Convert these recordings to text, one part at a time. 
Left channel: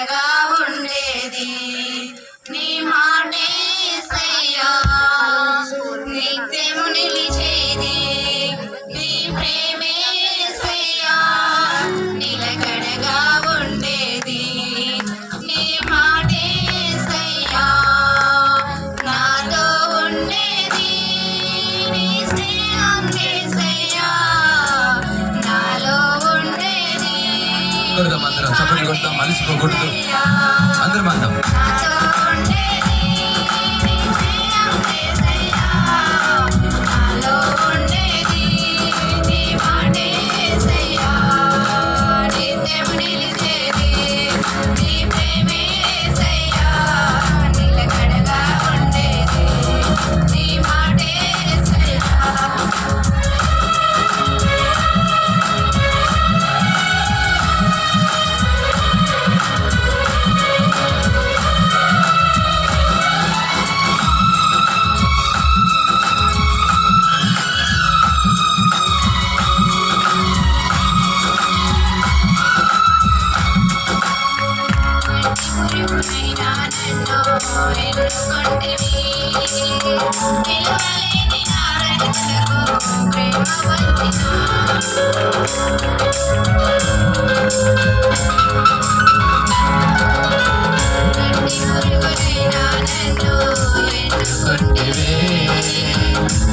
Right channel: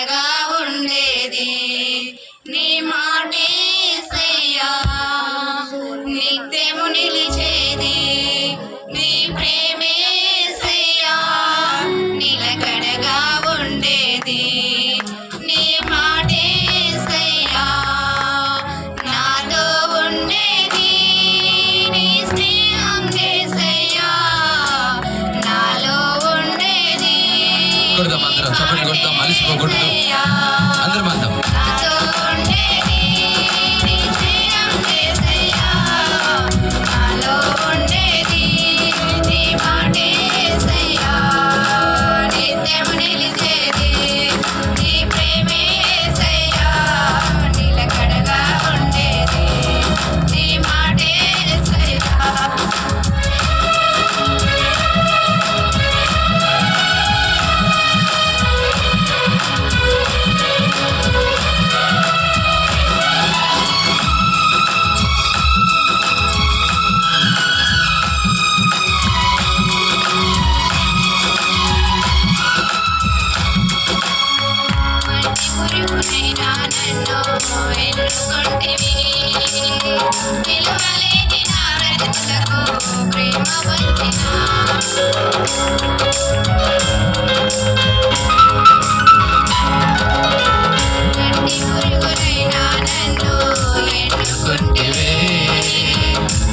కడగా ఉండేది నీ మాటే యేసయ్యా నిత్యము నిలిచేది నీ ప్రేమే యేసయ్యా నిలకడగా ఉండేది నీ మాటే యేసయ్యా నాతో ఉండేది నీ స్నేహం యేసయ్యా నాలో ఉండేది అందరం చప్పట్లు కొడతాం, అలసిపోకూడదు. అందరం అందాం.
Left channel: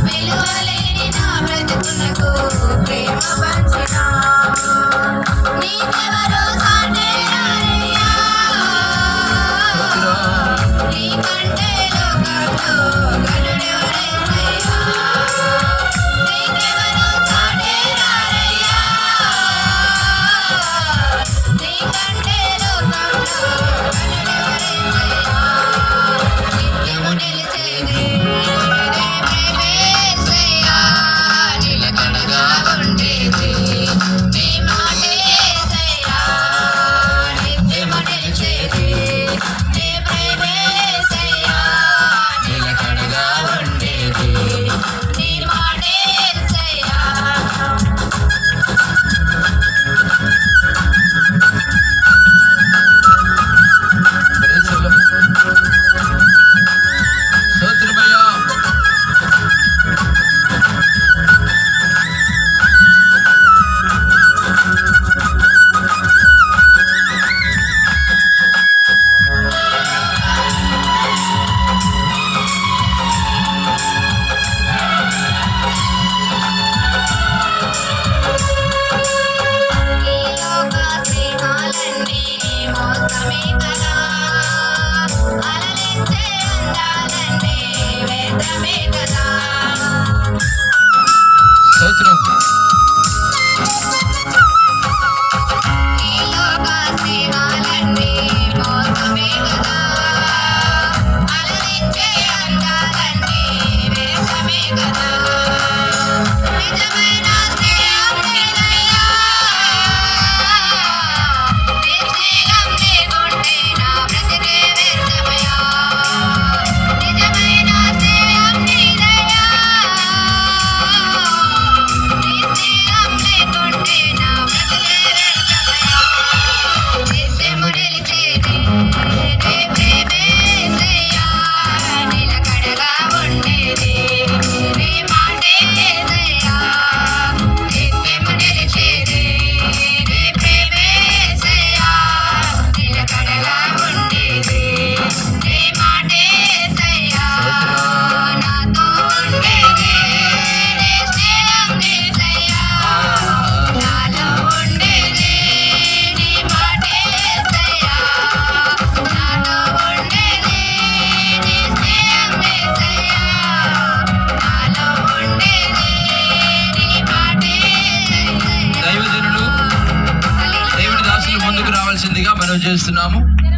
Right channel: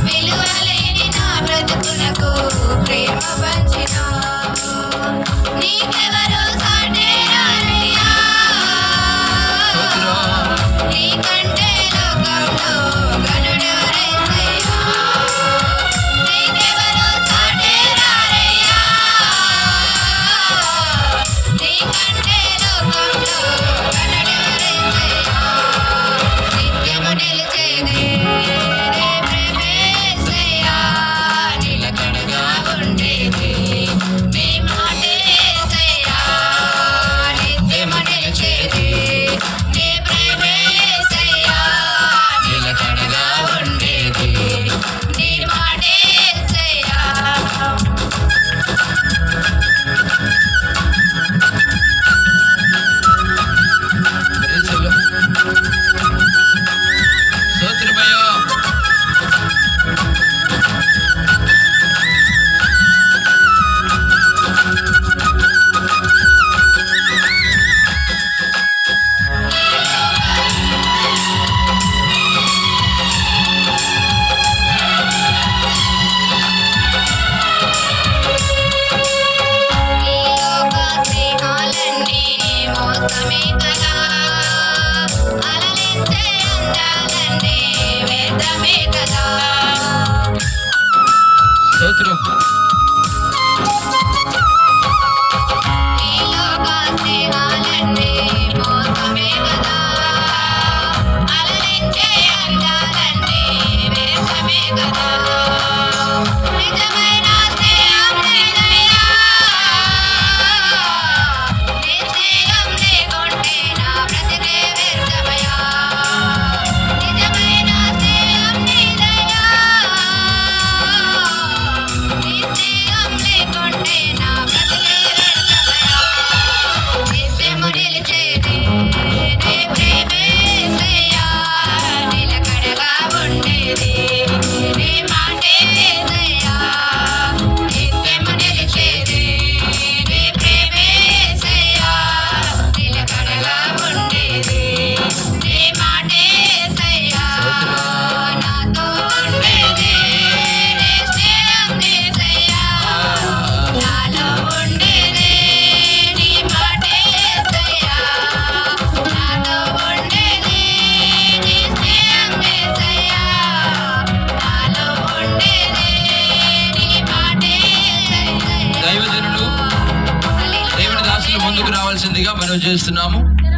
విలువలేని నా బ్రతుకునకు ప్రేమ పంచినా నీకెవరు సాటే రారయ్యా నీకంటే లోకంలో గనుడెవరైసయ్యా నీకెవరు సాటే రారయ్యా నీకంటే లోకంలో గనుడెవరైసయ్యా నిత్యము నిలిచేది నీ ప్రేమే యేసయ్యా నిలకడగా ఉండేది నీ మాటే యేసయ్యా నిత్యము నిలిచేది నీ ప్రేమే యేసయ్యా నిలకడగా ఉండేది నీ మాటే యేసయ్యా స్తోత్రమయ్యా. ఈ లోక స్నేహాలన్నీ మోసమే కదా అలలించే అందాలన్నీ వేదమే కదా స్తోత్రం. ఈ లోక స్నేహాలన్నీ మోసమే కదా అలలించే అందాలన్నీ వేదమే కదా నిజమైన స్నేహం లేదయ్యా నీ స్నేహం లేకుంటే నా బ్రతికే వ్యర్థమయ్యా నిజమైన స్నేహం నీదయ్యా నీ స్నేహం లేకుంటే నా బ్రతికే వ్యర్థమయ్యా నిత్యము నిలిచేది నీ ప్రేమే యేసయ్యా నిలకడగా ఉండేది నీ మాటే యేసయ్యా నిత్యము నిలిచేది నీ ప్రేమే యేసయ్యా నిలకడగా ఉండేది నీ మాటే యేసయ్యా నాతో ఉండేది నీ స్నేహం యేసయ్యా నాలో ఉండేది నీ మాటే యేసయ్యా నాతో ఉండేది నీ స్నేహం యేసయ్యా నాలో ఉండేది నీ మాటే యేసయ్యా దైవజనులు, దేవుని దాసులు ముందుకు రావాల్సిందిగా మనం చేస్తున్నాము.